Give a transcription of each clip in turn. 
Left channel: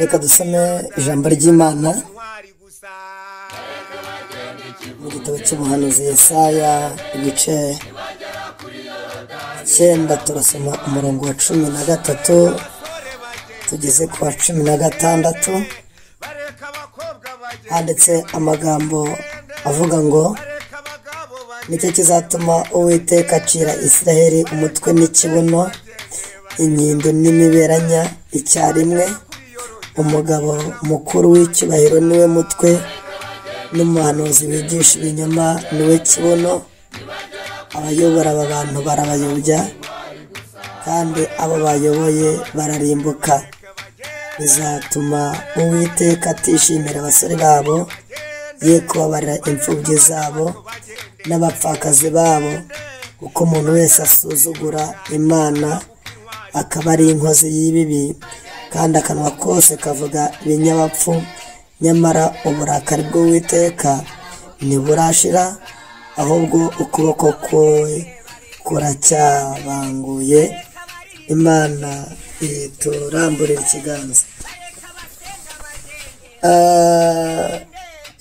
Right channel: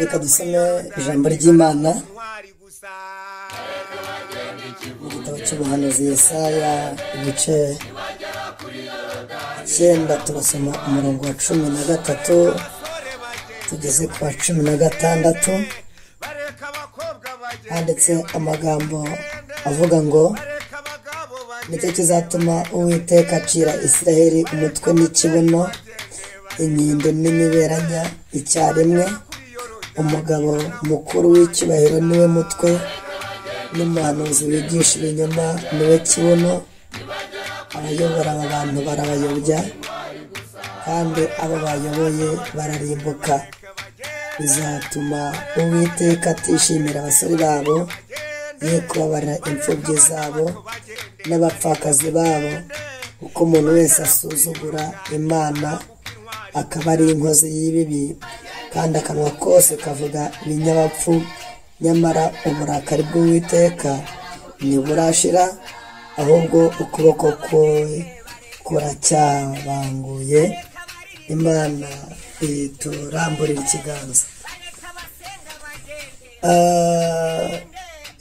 reka dusome ijambo ry'Imana igitabo cy'ubuhanuzi Yesaya igice 9 turasoma umurongo wa 13 tugeze ku wa 16. handitse amagambo avuga ngo nicyo kizatuma Uwiteka acira Isiraheli umutwe n'ikibuno, inyindo n'imiberanya icyarimwe. Umugabo mukuru w'icyubahiro niwe mutwe, n'umuhanuzi wigisha ibinyoma niwe kibuno. Abayobora aba bantu barabayobya, kandi abo bayoboye bararimbuka. Bizatuma Uwiteka atishimira abasore babo, ye kubabarira imfubyi zabo n'abapfakazi babo, kuko umuntu wese asuzugura Imana akaba ari inkozi y'ibibi, kandi akanwa kose kavuga ibinyabapfu. Nyamara uburakari bw'Uwiteka ntiburashira, ahubwo ukuboko kwe kuracyabanguye. Imana ituramburira ikiganza.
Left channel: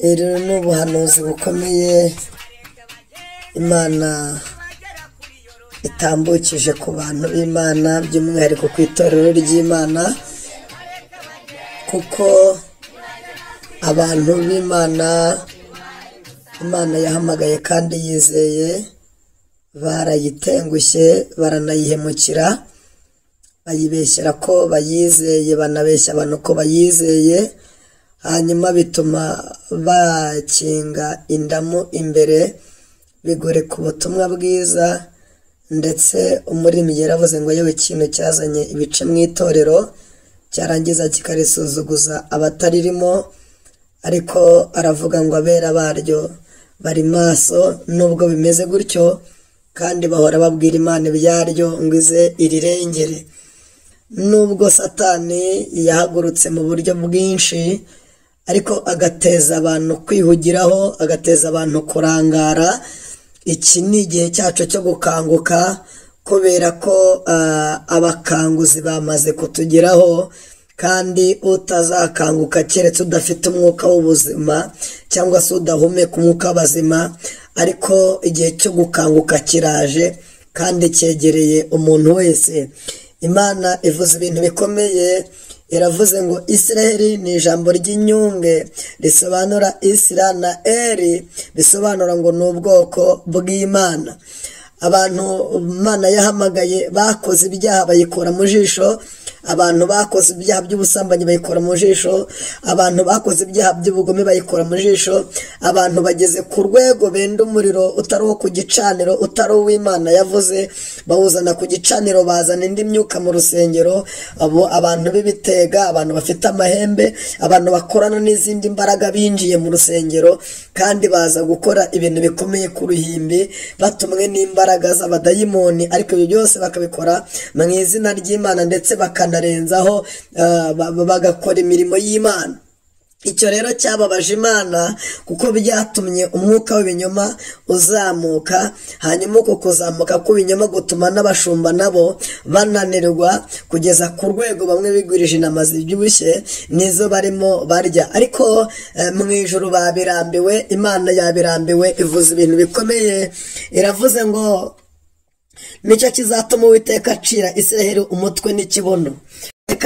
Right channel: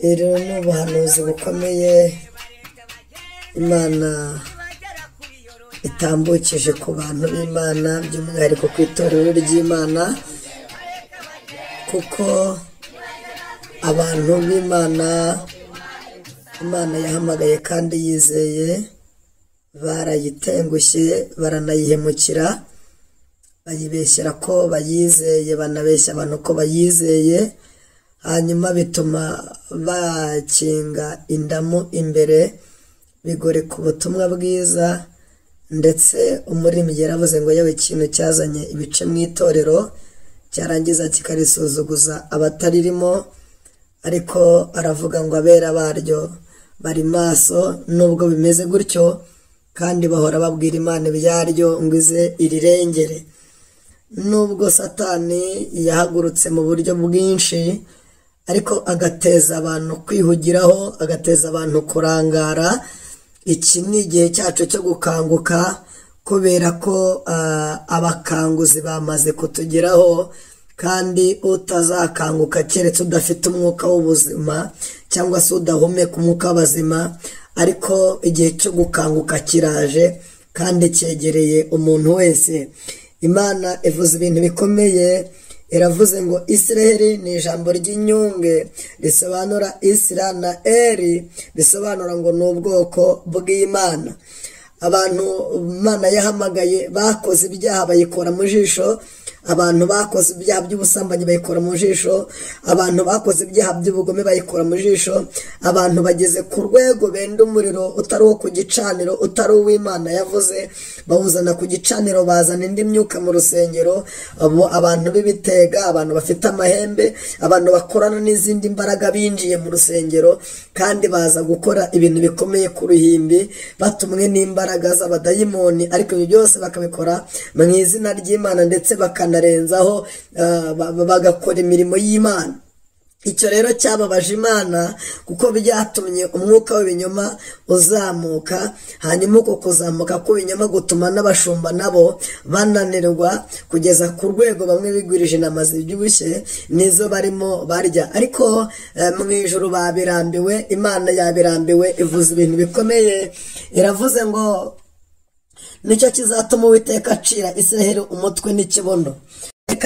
Iri ni ubuhanuzi bukomeye Imana itambukije ku bantu b'Imana, by'umwihariko ku itorero ry'Imana, kuko abantu b'Imana Imana yahamagaye kandi yizeye barayitengushye, baranayihemukira, bayibeshyera ko bayizeye, banabeshya abantu ko bayizeye. Hanyuma bituma bakinga indamu imbere, bigoreka ubutumwa bwiza. Ndetse umuririmbyi yaravuze ngo yewe ikintu cyazanye ibice mu itorero cyarangiza kikarisuzuguza abataririmo, ariko aravuga ngo abera baryo bari maso. Nubwo bimeze gutyo, kandi bahora babwira Imana ibyaryo ngo ize irirengere. Nubwo Satani yahagurutse mu buryo bwinshi, ariko agateza abantu kwihugiraho, agateza abantu kurangara. Iki ni igihe cyacu cyo gukanguka, kubera ko abakanguzi bamaze kutugeraho, kandi utazakanguka keretse udafite umwuka w'ubuzima, cyangwa se udahumeka umwuka w'abazima. Ariko igihe cyo gukanguka kiraje, kandi cyegereye umuntu wese. Imana ivuze ibintu bikomeye. Iravuze ngo Isiraheli ni ijambo ry'inyunge, risobanura Isira na Eri, bisobanura ngo ni ubwoko bw'Imana. Abantu Imana yahamagaye bakoze ibyaha bayikora mu jisho, abantu bakoze ibyaha by'ubusambanyi bayikora mu jisho, abantu bakoze ibyaha by'ubugome bayikora mu jisho, abantu bageze ku rwego benda umuriro utari uwo ku gicaniro, utari uw'Imana yavuze, bawuzana ku gicaniro, bazana indi myuka mu rusengero. Abo abantu b'ibitega, abantu bafite amahembe, abantu bakorana n'izindi mbaraga binjiye mu rusengero, kandi baza gukora ibintu bikomeye ku ruhimbi, batumwe n'imbaraga z'abadayimoni. Ariko ibyo byose bakabikora mu izina ry'Imana, ndetse bakanarenzaho bagakora imirimo y'Imana. Icyo rero cyababaje Imana, kuko byatumye umwuka w'ibinyoma uzamuka. Hanyuma uko kuzamuka kw'ibinyoma gutuma n'abashumba nabo bananirwa, kugeza ku rwego bamwe bigurije intama zibyibushye nizo barimo barya. Ariko mu ijuru babirambiwe, Imana yabirambiwe, ivuze ibintu bikomeye. Iravuze ngo nicyo kizatuma Uwiteka acira Isiraheli umutwe n'ikibuno.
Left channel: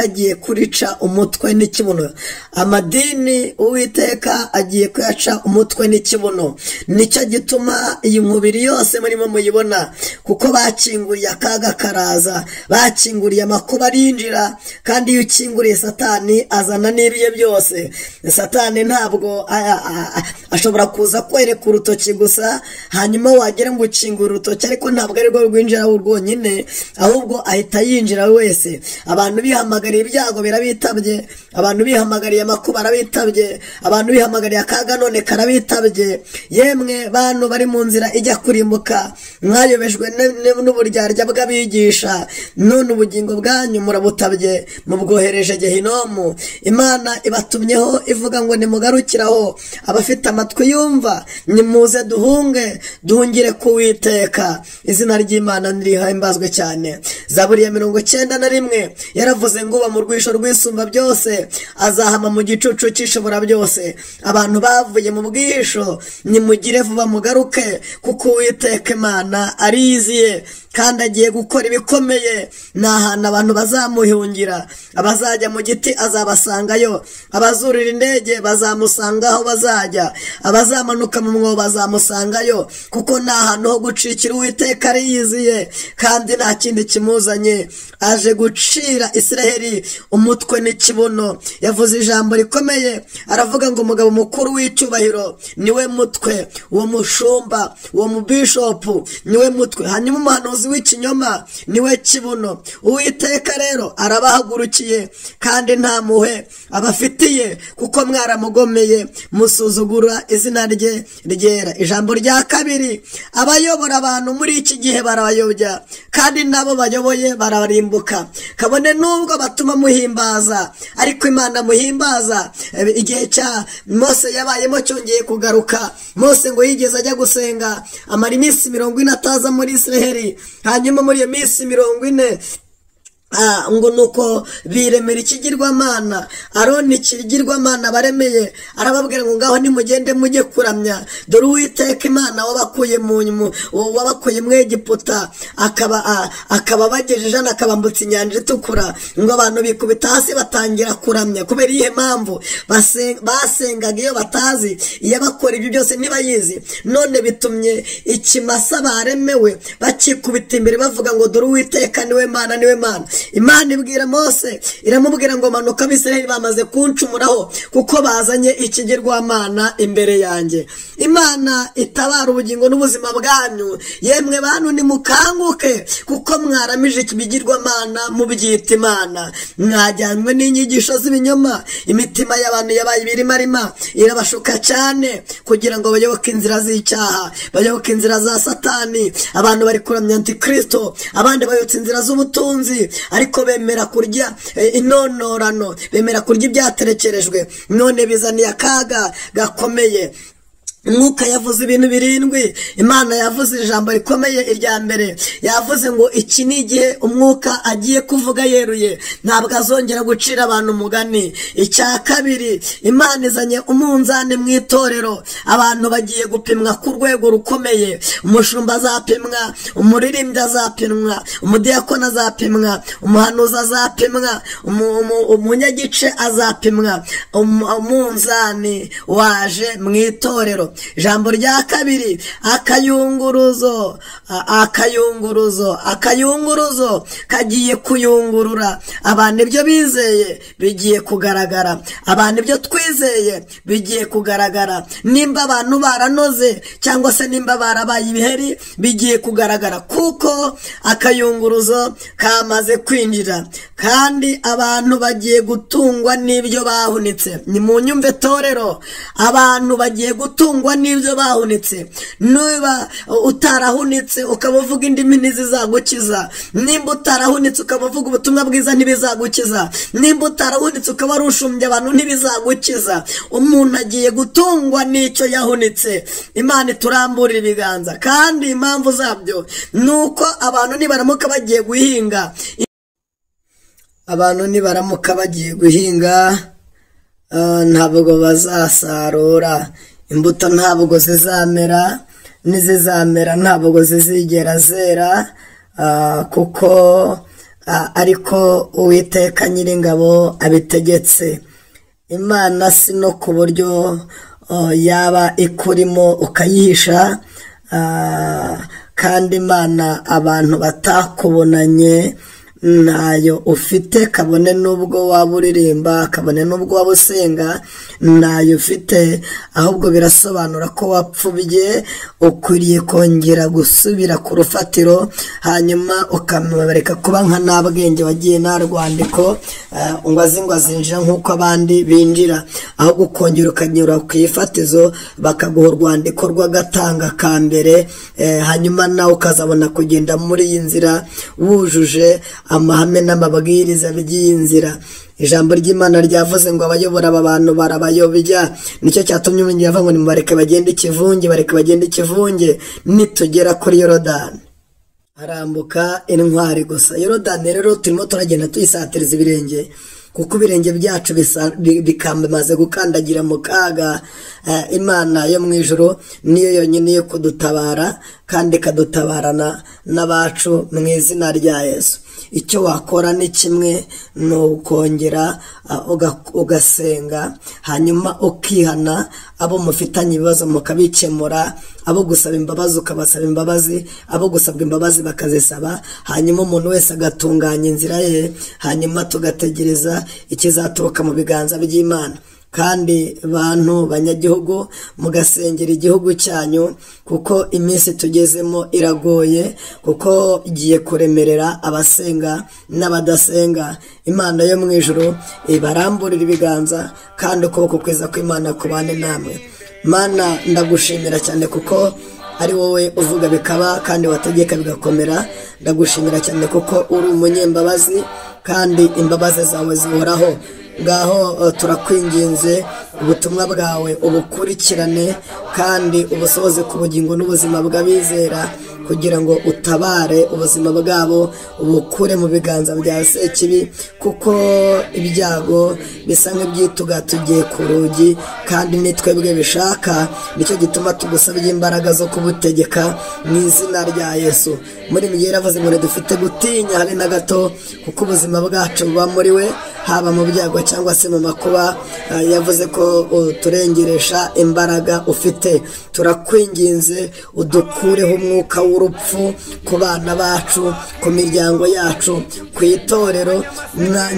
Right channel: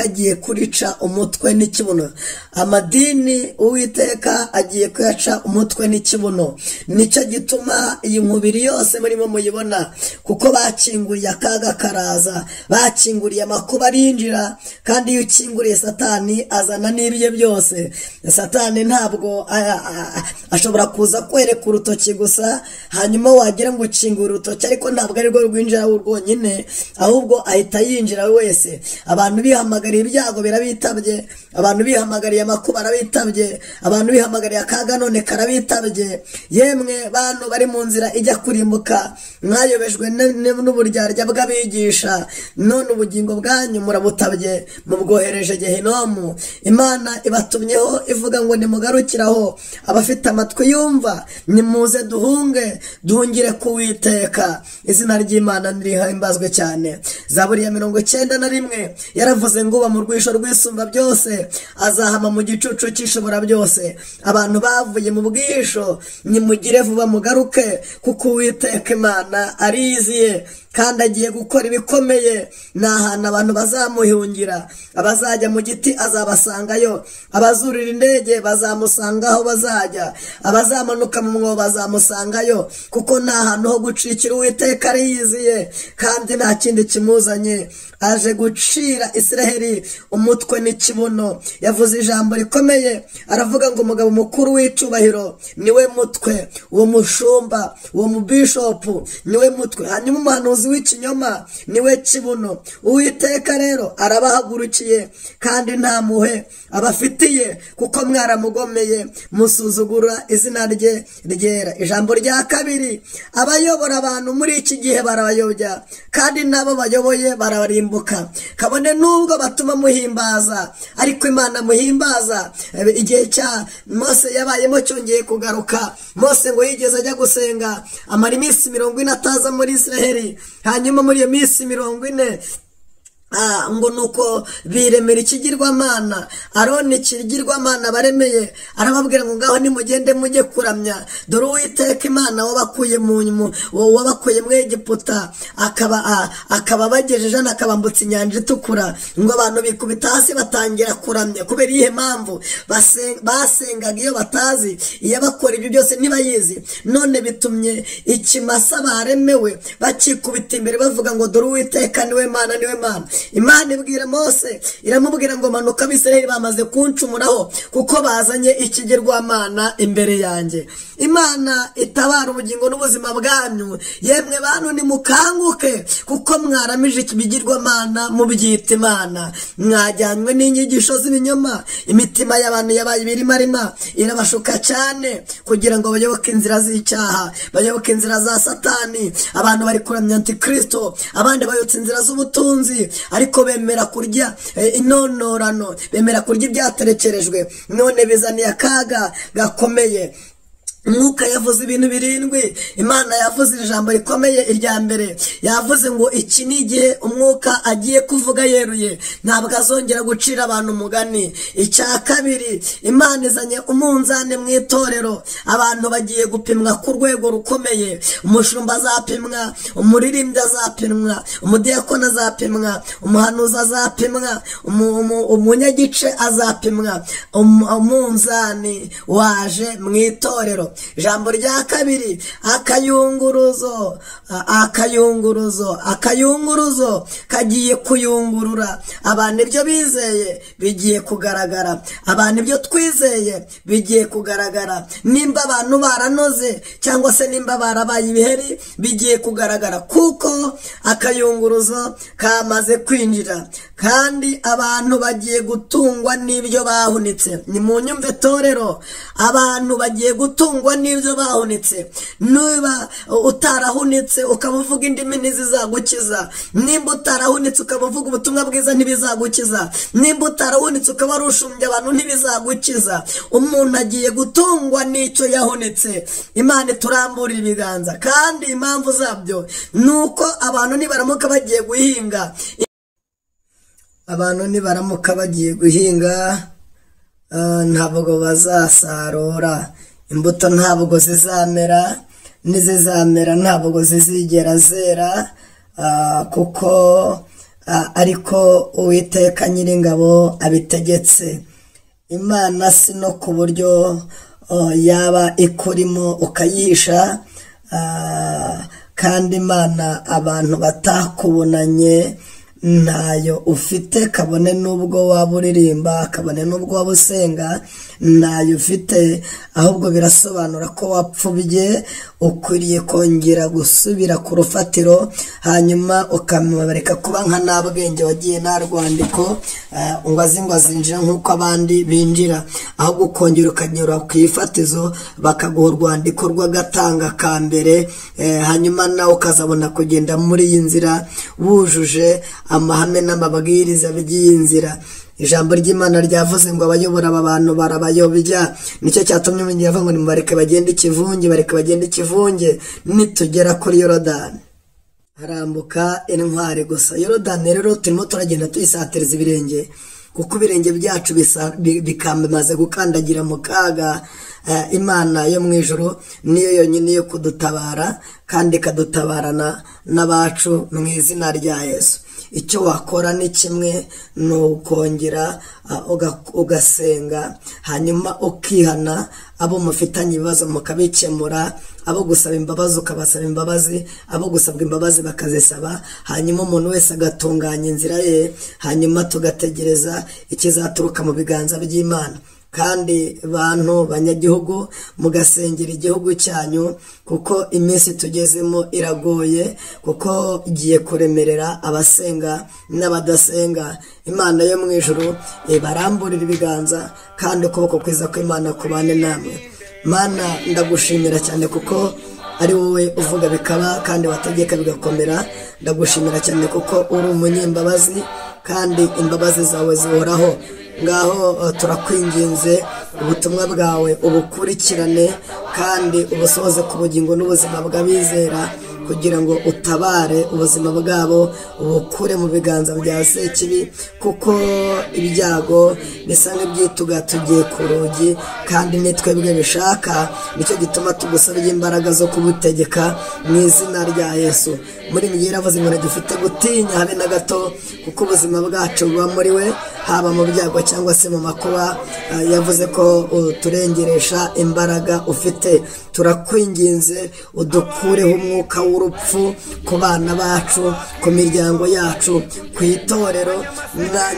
Agiye kurica umutwe n'ikibuno. Amadini Uwiteka agiye kuyaca umutwe n'ikibuno. Nicyo gituma iyi mubiri yose murimo muyibona, kuko bakinguriye akaga karaza, bakinguriye amakuba arinjira. Kandi iyo ukinguriye Satani azana n'ibiye byose. Satani ntabwo ashobora kuza kwereka urutoki gusa, hanyuma wagera ngo ukingure urutoki, ariko ntabwo ari rwo rwinjira rwonyine, ahubwo ahita yinjira wese. Abantu bihamagara bihamagariye ibyago birabitabye, abantu bihamagariye amakuba arabitabye, abantu bihamagariye akaga none karabitabye. Yemwe bantu bari mu nzira ijya kurimbuka, mwayobejwe n'uburyarya bw'abigisha, none ubugingo bwanyu murabutabye, mubwohereje Gehinomu. Imana ibatumyeho ivuga ngo nimugarukiraho, abafite amatwi yumva nimuze duhungire ku Uwiteka. Izina ry'Imana nirihimbazwe cyane. Zaburi ya 91 yaravuze ngo uba mu rwisho rwisumba byose azahama mu gicucu cy'ishobora byose. Abantu bavuye mu bwisho nimugire vuba mugaruke, kuko Uwiteka Imana ariziye kandi agiye gukora ibikomeye. Ni ahantu abantu bazamuhungira, abazajya mu giti azabasangayo, abazurira indege bazamusanga aho bazajya, abazamanuka mu mwobo bazamusangayo, kuko ni ahantu ho gucikira. Uwiteka ariyiziye kandi nta kindi kimuzanye, aje gucira Isiraheli umutwe n'ikibuno. Yavuze ijambo rikomeye, aravuga ngo umugabo mukuru w'icyubahiro niwe mutwe, uwo mushumba, uwo mubishopu niwe mutwe, hanyuma umuhanuzi w'ikinyoma niwe kibuno. Uwiteka rero arabahagurukiye kandi nta muhe abafitiye, kuko mwaramugomeye musuzugura izina rye ryera. Ijambo rya kabiri, abayobora abantu muri iki gihe barabayobya, kandi nabo bayoboye bararimbuka. Kabone nubwo batuma muhimbaza, ariko Imana muhimbaza igihe cya Mose yabayemo cyongeye kugaruka. Mose ngo yigeze ajya gusenga, amara iminsi 40 ataza muri Isiraheli. Hanyuma muri iyo minsi 40 ngo nuko biremera ikigirwamana. Aroni ikigirwamana baremeye, arababwira ngo ngaho nimugende mujye kuramya, dore Uwiteka Imana wabakuye mu Egiputa akaba bagejeje akabambutsa inyanja itukura. Ngo abantu bikubita hasi batangira kuramya. Kubera iyihe mpamvu? Basengaga iyo batazi, iyo bakora ibyo byose ntibayizi. None bitumye ikimasa baremewe bakikubita imbere bavuga ngo dore Uwiteka niwe Mana, niwe Mana. Imana ibwira Mose, iramubwira ngo manuka, Abisirayeli bamaze kuncumuraho, kuko bazanye ikigirwamana imbere yanjye. Imana itabara ubugingo n'ubuzima bwanyu. Yemwe bantu nimukanguke, kuko mwaramije ikigirwamana mubyita Imana. Mwajyanywe n'inyigisho z'ibinyoma, imitima y'abantu yabaye ibirimarima, irabashuka cyane kugira ngo bayoboke inzira z'icyaha, bayoboke inzira za Satani. Abantu bari kuramya Antikristo, abandi bayotse inzira z'ubutunzi, ariko bemera kurya inonorano, bemera kurya ibyaterekerejwe. None bizaniye akaga gakomeye. Mwuka yavuze ibintu 7. Imana yavuze ijambo rikomeye. Irya mbere yavuze ngo iki ni igihe umwuka agiye kuvuga yeruye, ntabwo azongera gucira abantu umugani. Icya kabiri, Imana izanye umunzane mu itorero, abantu bagiye gupimwa ku rwego rukomeye. Umushumba azapimwa, umuririmbyi azapimwa, umudiyakoni azapimwa, umuhanuzi azapimwa, umunyagice azapimwa. Umunzani waje mu itorero. Ijambo rya kabiri, akayunguruzo kagiye kuyungurura. Abantu ibyo bizeye bigiye kugaragara, abantu ibyo twizeye bigiye kugaragara. Nimba abantu baranoze cyangwa se nimba barabaye ibiheri bigiye kugaragara, kuko akayunguruzo kamaze kwinjira, kandi abantu bagiye gutungwa n'ibyo bahunitse. Ni mu nyumve torero, abantu bagiye gutungwa n'ibyo bahunitse. Niba utarahunitse ukaba uvuga indimi ntizizagukiza, nimba utarahunitse ukaba uvuga ubutumwa bwiza ntibizagukiza, nimba utarahunitse ukaba warushumbye abantu ntibizagukiza. Umuntu agiye gutungwa n'icyo yahunitse. Imana ituramburira ibiganza, kandi impamvu zabyo nuko abantu nibaramuka bagiye guhinga, ntabwo bazasarura. Imbuto ntabwo zizamera, n'izizamera ntabwo zizigera zera, kuko ariko Uwiteka Nyiringabo abitegetse. Imana si no ku buryo yaba ikurimo ukayihisha, kandi Imana abantu batakubonanye ntayo ufite, kabone n'ubwo waba uririmba, kabone n'ubwo waba usenga, ntayo ufite, ahubwo birasobanura ko wapfubye. Ukwiriye kongera gusubira ku rufatiro, hanyuma ukamubareka kuba nka nta bwenge wagiye nta rwandiko ngo azinjira nk'uko abandi binjira, ahubwo ukongera ukanyura ku ifatizo bakaguha urwandiko rw'agatanga ka mbere, hanyuma nawe ukazabona kugenda muri iyi nzira wujuje amahame n'amabwiriza by'iyi nzira. Ijambo ry'Imana ryavuze ngo abayobora aba bantu barabayobya, nicyo cyatumye umenya yavuga ngo nimubareke bagende ikivunge, bareke bagende ikivunge. Nitugera kuri Yorodani harambuka intwari gusa. Yorodani rero turimo turagenda tuyisatiriza ibirenge, kuko ibirenge byacu bikamaze gukandagira mu kaga. Imana yo mu ijuru niyo yonyine yo kudutabara, kandi ikadutabarana n'abacu mu izina rya Yesu. Icyo wakora ni kimwe, ni ukongera ugasenga, hanyuma ukihana, abo mufitanye ibibazo mukabikemura, abo gusaba imbabazi ukabasaba imbabazi, abo gusabwa imbabazi bakazisaba, hanyuma umuntu wese agatunganya inzira ye, hanyuma tugategereza ikizaturuka mu biganza by'Imana. Kandi bantu banyagihugu, mugasengera igihugu cyanyu, kuko iminsi tugezemo iragoye, kuko igiye kuremerera abasenga n'abadasenga. Imana yo mu ijuru ibaramburira ibiganza, kandi ukuboko kwiza kw'Imana kubane namwe. Mana, ndagushimira cyane kuko ari wowe uvuga bikaba kandi wategeka bigakomera. Ndagushimira cyane kuko uri umunyembabazi, kandi imbabazi zawe zihoraho. Ngaho turakwinginze ubutumwa bwawe ubukurikirane, kandi ubusohoze ku bugingo n'ubuzima bw'abizera, kugira ngo utabare ubuzima bwabo, ubukure mu biganza bya Sekibi, kuko ibyago bisa nk'ibyitugatugiye ku rugi, kandi nitwebwe bishaka. Nicyo gituma tugusabye imbaraga zo kubutegeka mu izina rya Yesu. Muri mwe yaravuze ngo dufite gutinya habe na gato, kuko ubuzima bwacu buba muri we, haba mu byago cyangwa se mu makuba. Yavuze ko turengeresha imbaraga ufite. Turakwinginze udukureho umwuka w'urupfu ku bana bacu, ku miryango yacu, ku itorero.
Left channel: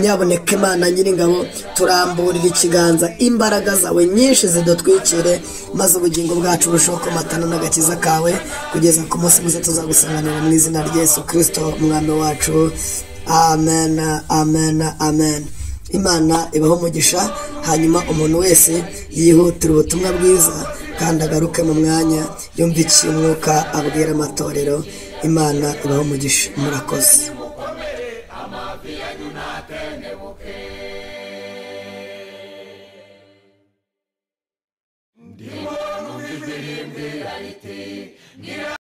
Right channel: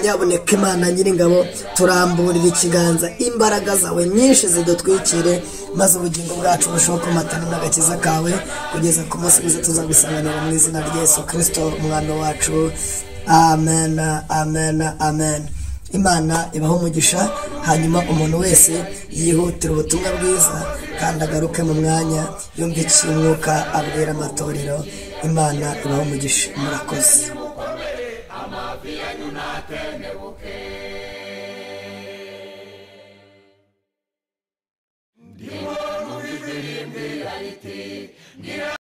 Nyaboneka Imana Nyiringabo, turamburira ikiganza, imbaraga zawe nyinshi zidutwikire, maze ubugingo bwacu burushaho kumatana n'agakiza kawe, kugeza ku munsi mwiza tuzagusanganira mu izina rya Yesu Kristo umwami wacu. Amen, amen, amen. Imana ibaho umugisha, hanyuma umuntu wese yihutira ubutumwa bwiza, kandi agaruke mu mwanya yumva icyo umwuka abwira amatorero. Imana ibaho umugisha. Murakoze.